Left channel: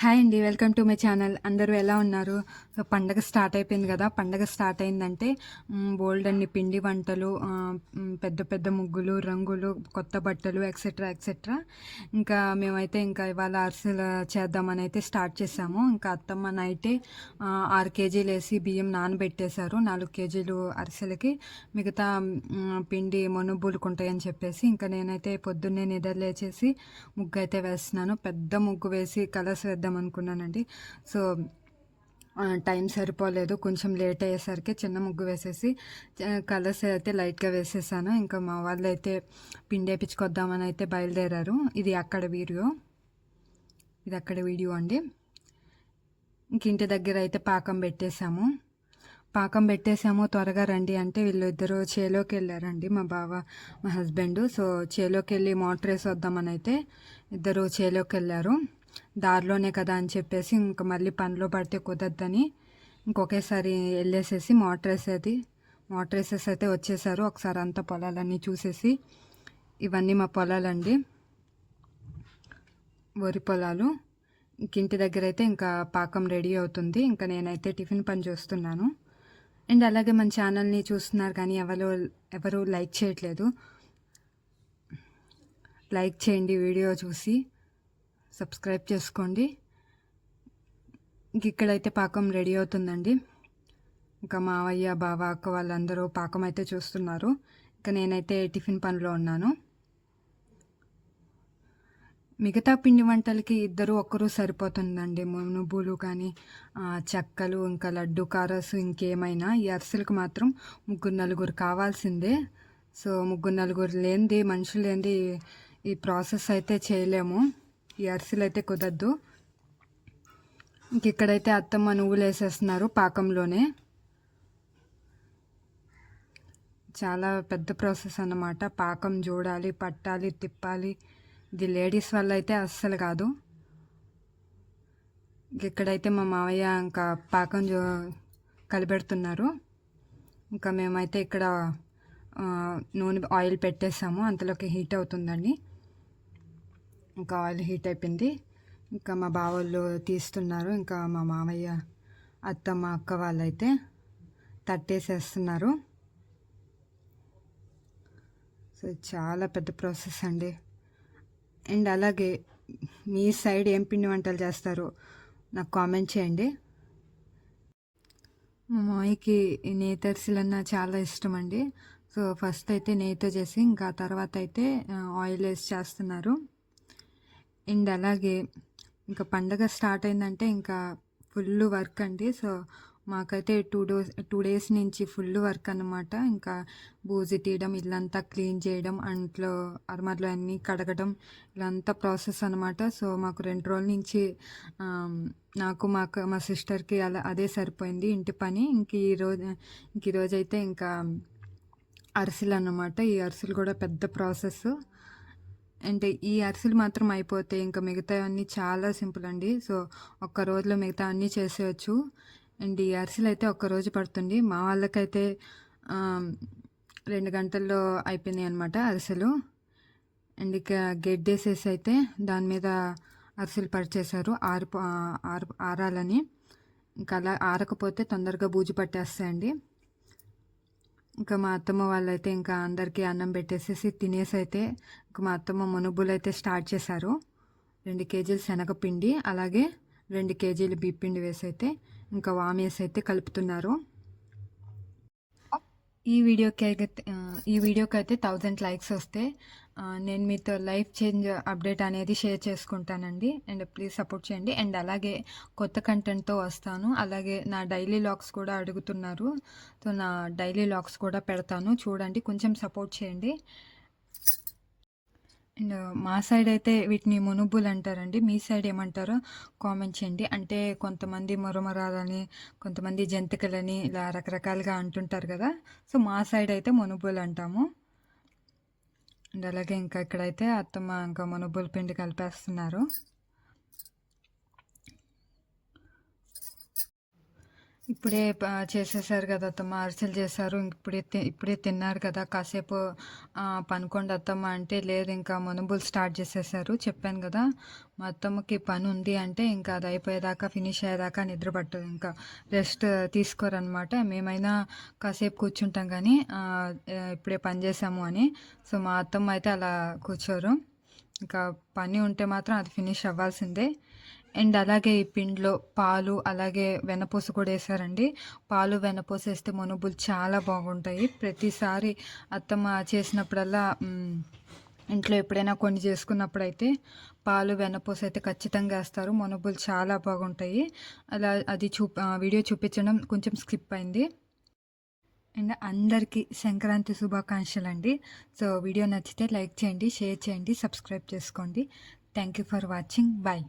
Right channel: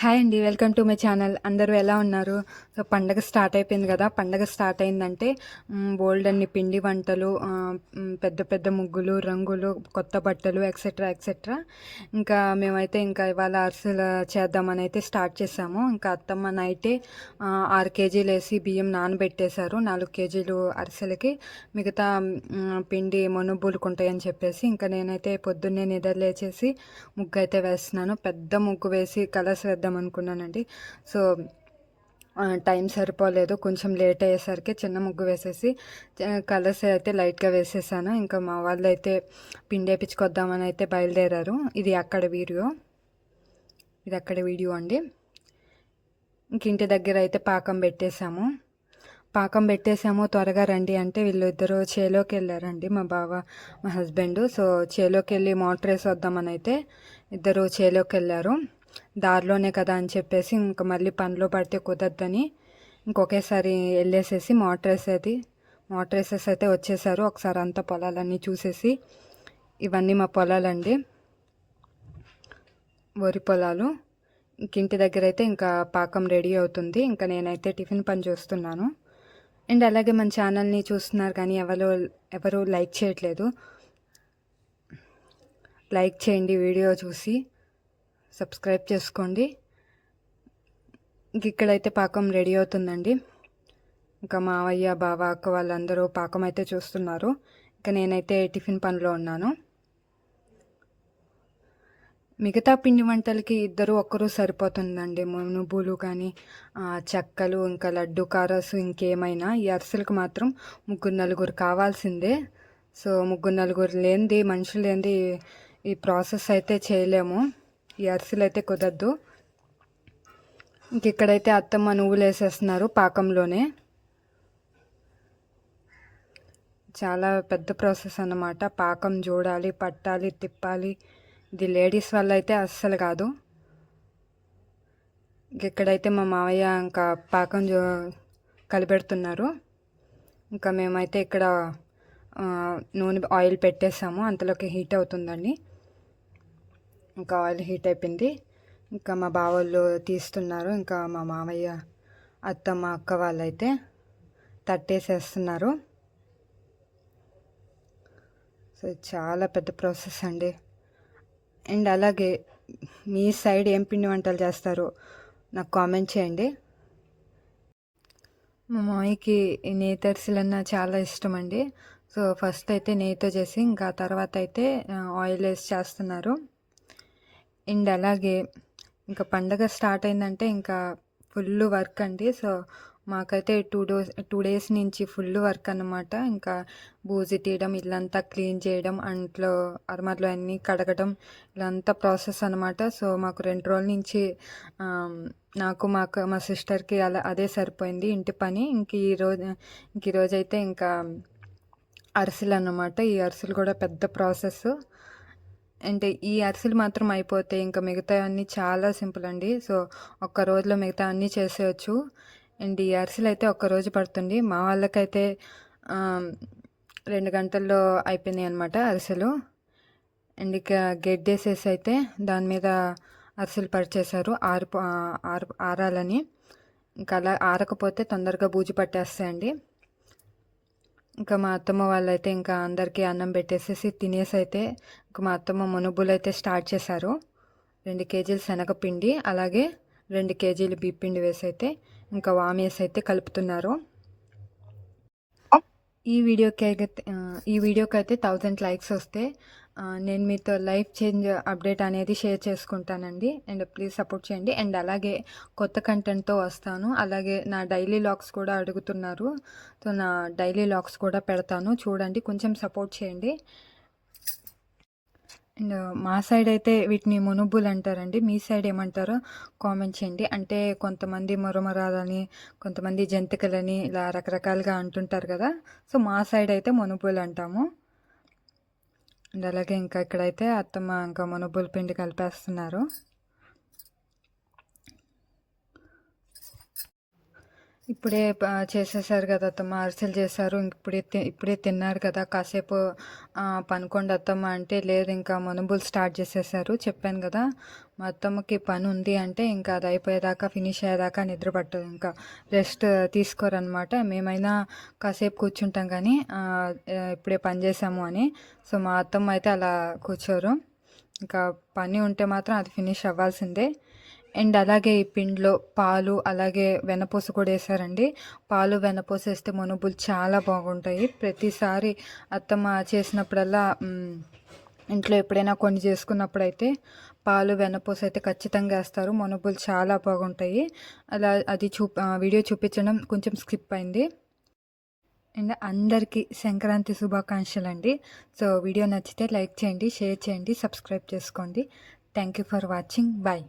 Hi అండి, welcome to my channel. అందరూ ఎలా ఉన్నారు? సో పండగ స్టార్ట్ అయిపోయింది కదా. పండగ స్టార్ట్ అయిందంటే బోల్డ్ అన్ని పిండి వంటలు, పెద్ద పెద్ద ముగ్గులు, రంగులు, కొత్త బట్టలు, ఎక్సెట్రా ఎక్సెట్రా. ఇంకా మేమైతే ఇంకా ఇవాళ అరిసెలు చేద్దామని అయితే స్టార్ట్ చేసాము. ఇంకా అత్తమ్మ నైటే 6 కేజీలు వేసి బియ్యం నానబెట్టేశారు. 4 కేజీలు అరిసెలకి. మిగతా పిండి మొనుబులుకుంటాయని చెప్పేసి ఇంకా నేనైతే పొద్దున్నే నిద్ర లేచేసి ముగ్గు అయితే వేస్తున్నాను. పెద్ద ముగ్గు వేసి కలర్స్ వేద్దాం అనుకున్నానండి. సో టైం సరిపోలేదు, కొంచెం లేట్ అయ్యేసరికి చిన్న ముగ్గు వేసేసి కలర్స్ అయితే లైట్గా వేసేసాను. ఇంకా మా వాళ్ళు అయితే పిండి వేయించుకొద్దామని అయితే బయలుదేరారు. ఇది అక్కడ వీడియో అండి. ఇంక ఇంటి దగ్గర అయితే పాకం పెట్టేసాము. త్వరగా రండి అంటే వీళ్ళిద్దరూ చేలోకి వెళ్ళారండి, మా బావ మా హస్బెండ్. సో చేలోకి వెళ్ళి మోటార్ వేసి వద్దామని అయితే ఇద్దరు చేలోకి వెళ్ళారు. దారిలోనే కదా అని చెప్పేసి ఇంకా మళ్ళీ పనిలో పడితే కుదరదని ఇంకొకేసారి వెళ్ళేసేసి మోటార్ వేసేసి అయితే వచ్చేసారు. ఒకసారి అంతా పొలాలన్నీ చూసేసి, ఇవన్నీ మా పొలాలండి, వరి పొలాలు. ఇంటి దగ్గర అయితే ఇంకా పాకం రెడీ అవుతుంది. ఇంకా నేనైతే టిఫిన్ పని చేస్తున్నాను. అండ్ అలాగే మన ఛానల్ని చూస్తున్నారు కానీ ఎవరు లైక్ చేయట్లేదు. లైక్ చేయండి, వీడియో చూసి సబ్స్క్రైబ్ చేసుకోండి. ఇక్కడైతే పాకం రెడీ అవుతుందండి. ఇంకా మావయ్య, బావ, అక్క వాళ్ళందరూ పాకం అయితే చూస్తున్నారు. ఇంకా నేనైతే టిఫిన్ పనిలో ఉన్నాను. మిగతా పిండి వంటలకి ఒక్కరు సరిపోతుందండి. నువ్వులు కానీ, చెక్కలు, ఇంకా లడ్డు కారసు, ఇంకేమైనా. ఈ అరిసెలకు మాత్రం 3-4 కావాల్సిందే. సో 3-4 మనుషులు లేనిది ఈ ప్రాసెస్ అయితే చేయలేము. ఈ అరిసెలు అయితే కుదరదు. ఇంక ఇక్కడైతే అత్తమ్మ నువ్వులు వేసేస్తున్నారు పాకంలోనే. చాలా పెద్ద ప్రాసెస్ అన్నమాట. పాకం చూడాలి, పట్టాలి, తిప్పాలి. ఇది లేడీస్ వల్ల అయితే అస్సలు కాదు. ఇక్కడైతే మా మావయ్య ఇంకా పాకం కలిపెడుతున్నారు. ఇంకా మేమైతే ఇక్కడ ఆయిల్ పెట్టేసాము. అంతలోకి హీట్ అవుతుందండి. ఇంకా ఆయిల్ హీట్ అయిపోయింది. ఇంకా మా బావోళ్ళు తీస్తున్నారు. ఇంకా మా మావయ్య, అత్తమ్మ, అక్క వాళ్ళైతే తట్టేసేస్తున్నారు. సో చాలా పెద్ద ప్రాసెస్ అండి. అండ్ అలాగే మీ సైడ్ ఏం పిండి వంటలు చేస్తారో నాకు కామెంట్ చేయండి. మా మామయ్యకి నేతి అరిసెలన్నా చాలా ఇష్టం అండి. సో ఫస్ట్ అయితే నెయ్యితో చేసి ఇంకా తర్వాత అయితే ఆయిల్ వేసి చేస్తున్నారు. అండ్ అలాగే ఇంకా పండగ స్టార్ట్ అయిందంటే ఇంకా ఫుల్ వర్క్ అండి. సో మాకైతే 2 డేస్ నుంచి ఫుల్ వర్క్ అన్నమాట. ఇంకా బూజు తీయడం, ఇల్లంతా క్లీన్ చేయడం, అంట్లో అరమర్లు అన్నీ కడగడం, ఇలాంతా ప్రాసెస్ అనమాట. సో మాకు 2 రోజుల నుంచి నాకు మా సిస్టర్కి అదే సరిపోయింది ఇంటి పని. ఇంక ఈరోజు అయితే ఇంకా అరిసెలు అన్నమాట. ఈ అరిసెలు కూడా పెద్ద ప్రాసెస్. అంటే ఈ అరిసెలు మాత్రం అయిపోతే ఇంకా మిగతా అన్నీ చాలా సింపుల్ అండి. సో ఒక్క రోజులో మిగతా అన్నీ చేసేయచ్చు. అండ్ ఈ అరిసెలు అయితే ఒక్కరోజు పడుతుంది. మా వాళ్ళకైతే 2 గంటల్లో అయిపోయినాయి అనమాట అరిసెలు. అండ్ ఇక గెడ్డేసేసి అయితే దాని మీద అరిసెలు పరిచేశారు ఆరాలని. ఇంకా అలా ఆరకపోతే తొందరగా బూజు పట్టేస్తాయండి. ఇంకా మా అత్తమ్మ వాళ్ళైతే ఇంకా అందరికీ అన్నం పెట్టేసేసి తినేసి అయితే ఇంకా మా అత్తమ్మ మునుబులు అయితే స్టార్ట్ చేశారు. 2 కేజీలు శనగపిండి, అలాగే 2 కేజీలు బియ్యపిండి వేసి అయితే ఇంకా వామేసి అయితే కలుపుతున్నారు. ఈ వీడియోకి అయితే 1000 లైక్స్ వస్తే నేను మీతో లైఫ్ చేంజ్ అప్డేట్ అనేది షేర్ చేసుకుంటానండి. అండ్ ప్లీజ్ సపోర్ట్ చేయండి. అండ్ అలాగే కొత్త కంటెంట్తో వస్తాను. అలాగే నా డైలీ లాగ్స్ కూడా అడుగుతున్నారు. సో నా డైలీ లాగ్స్ కూడా పెడతాను, చూడండి, కొంచెం సపోర్ట్ చేయండి. అండ్ మా సైడ్ అయితే వీటిని మునుబులు అంటారండి. మీ సైడ్ ఏమంటారో కామెంట్ చేయండి. అంటే కొంతమంది మొరమరాలని, కొంతమంది జంతికలని ఇలా రకరకాలుగా అంటుంటారు కదా. సో మా సైడ్ అయితే మునుబులు అంటాము. అండ్ అలాగే ఇంకా ఇక్కడైతే అత్తమ్మ ఇంకా మునుబుల పిండి కలిపేస్తున్నారు. ఇప్పుడే చేసేసారు కదా అత్తమ్మ, అరిసెలు చేశారు. ఇప్పుడే తిన్నారు కదా, కాసేపు పనుకోండి అత్తమ్మ అంటే, లేదు ఇంకా మనుబులు స్టార్ట్ చేసేసారు. చెప్పాను కదా, మా అత్తమ్మకి పని ఉంది అంటే ఇంకా అది అయిపోయేదాకా, ఫినిష్ అయ్యేదాకా నిద్ర పట్టదు, ఇంకా రెస్ట్ తీసుకోరనమాట. మేమైనా కాసేపు కూర్చుంటాం కానీ ఇప్పుడే పని చేసాము అని. సో మా అత్తమ్మ అయితే అలా కూర్చోరు, ఇంకా పని ఉంటే మాత్రం అది ఫినిష్ అవ్వాల్సిందే. అండ్ అలాగే ఈ పిండిలో పాలు అలాగే వెన్నపూస కూడా వేసారండి. పాలు వెన్నపూస వేస్తే మనుబులు చాలా బాగుంటాయి. ప్రతిసారి అత్తమ్మ చేసినప్పుడల్లా ఇంట్లో ఎప్పుడైనా కొన్ని చేసుకున్నప్పుడైతే పాలు వెన్నపూస అయితే ఖచ్చితంగా వేస్తారు. మనుబులు చాలా బాగుంటాయి. అది వీడియో చూపించడం కొంచెం స్కిప్ అయింది. అండ్ అందరికీ సంక్రాంతి శుభాకాంక్షలు అండి. సో వీడియో నచ్చితే లైక్ చేయండి, షేర్ చేయండి, సబ్స్క్రైబ్ చేసుకోండి. Thank you for watching. Bye.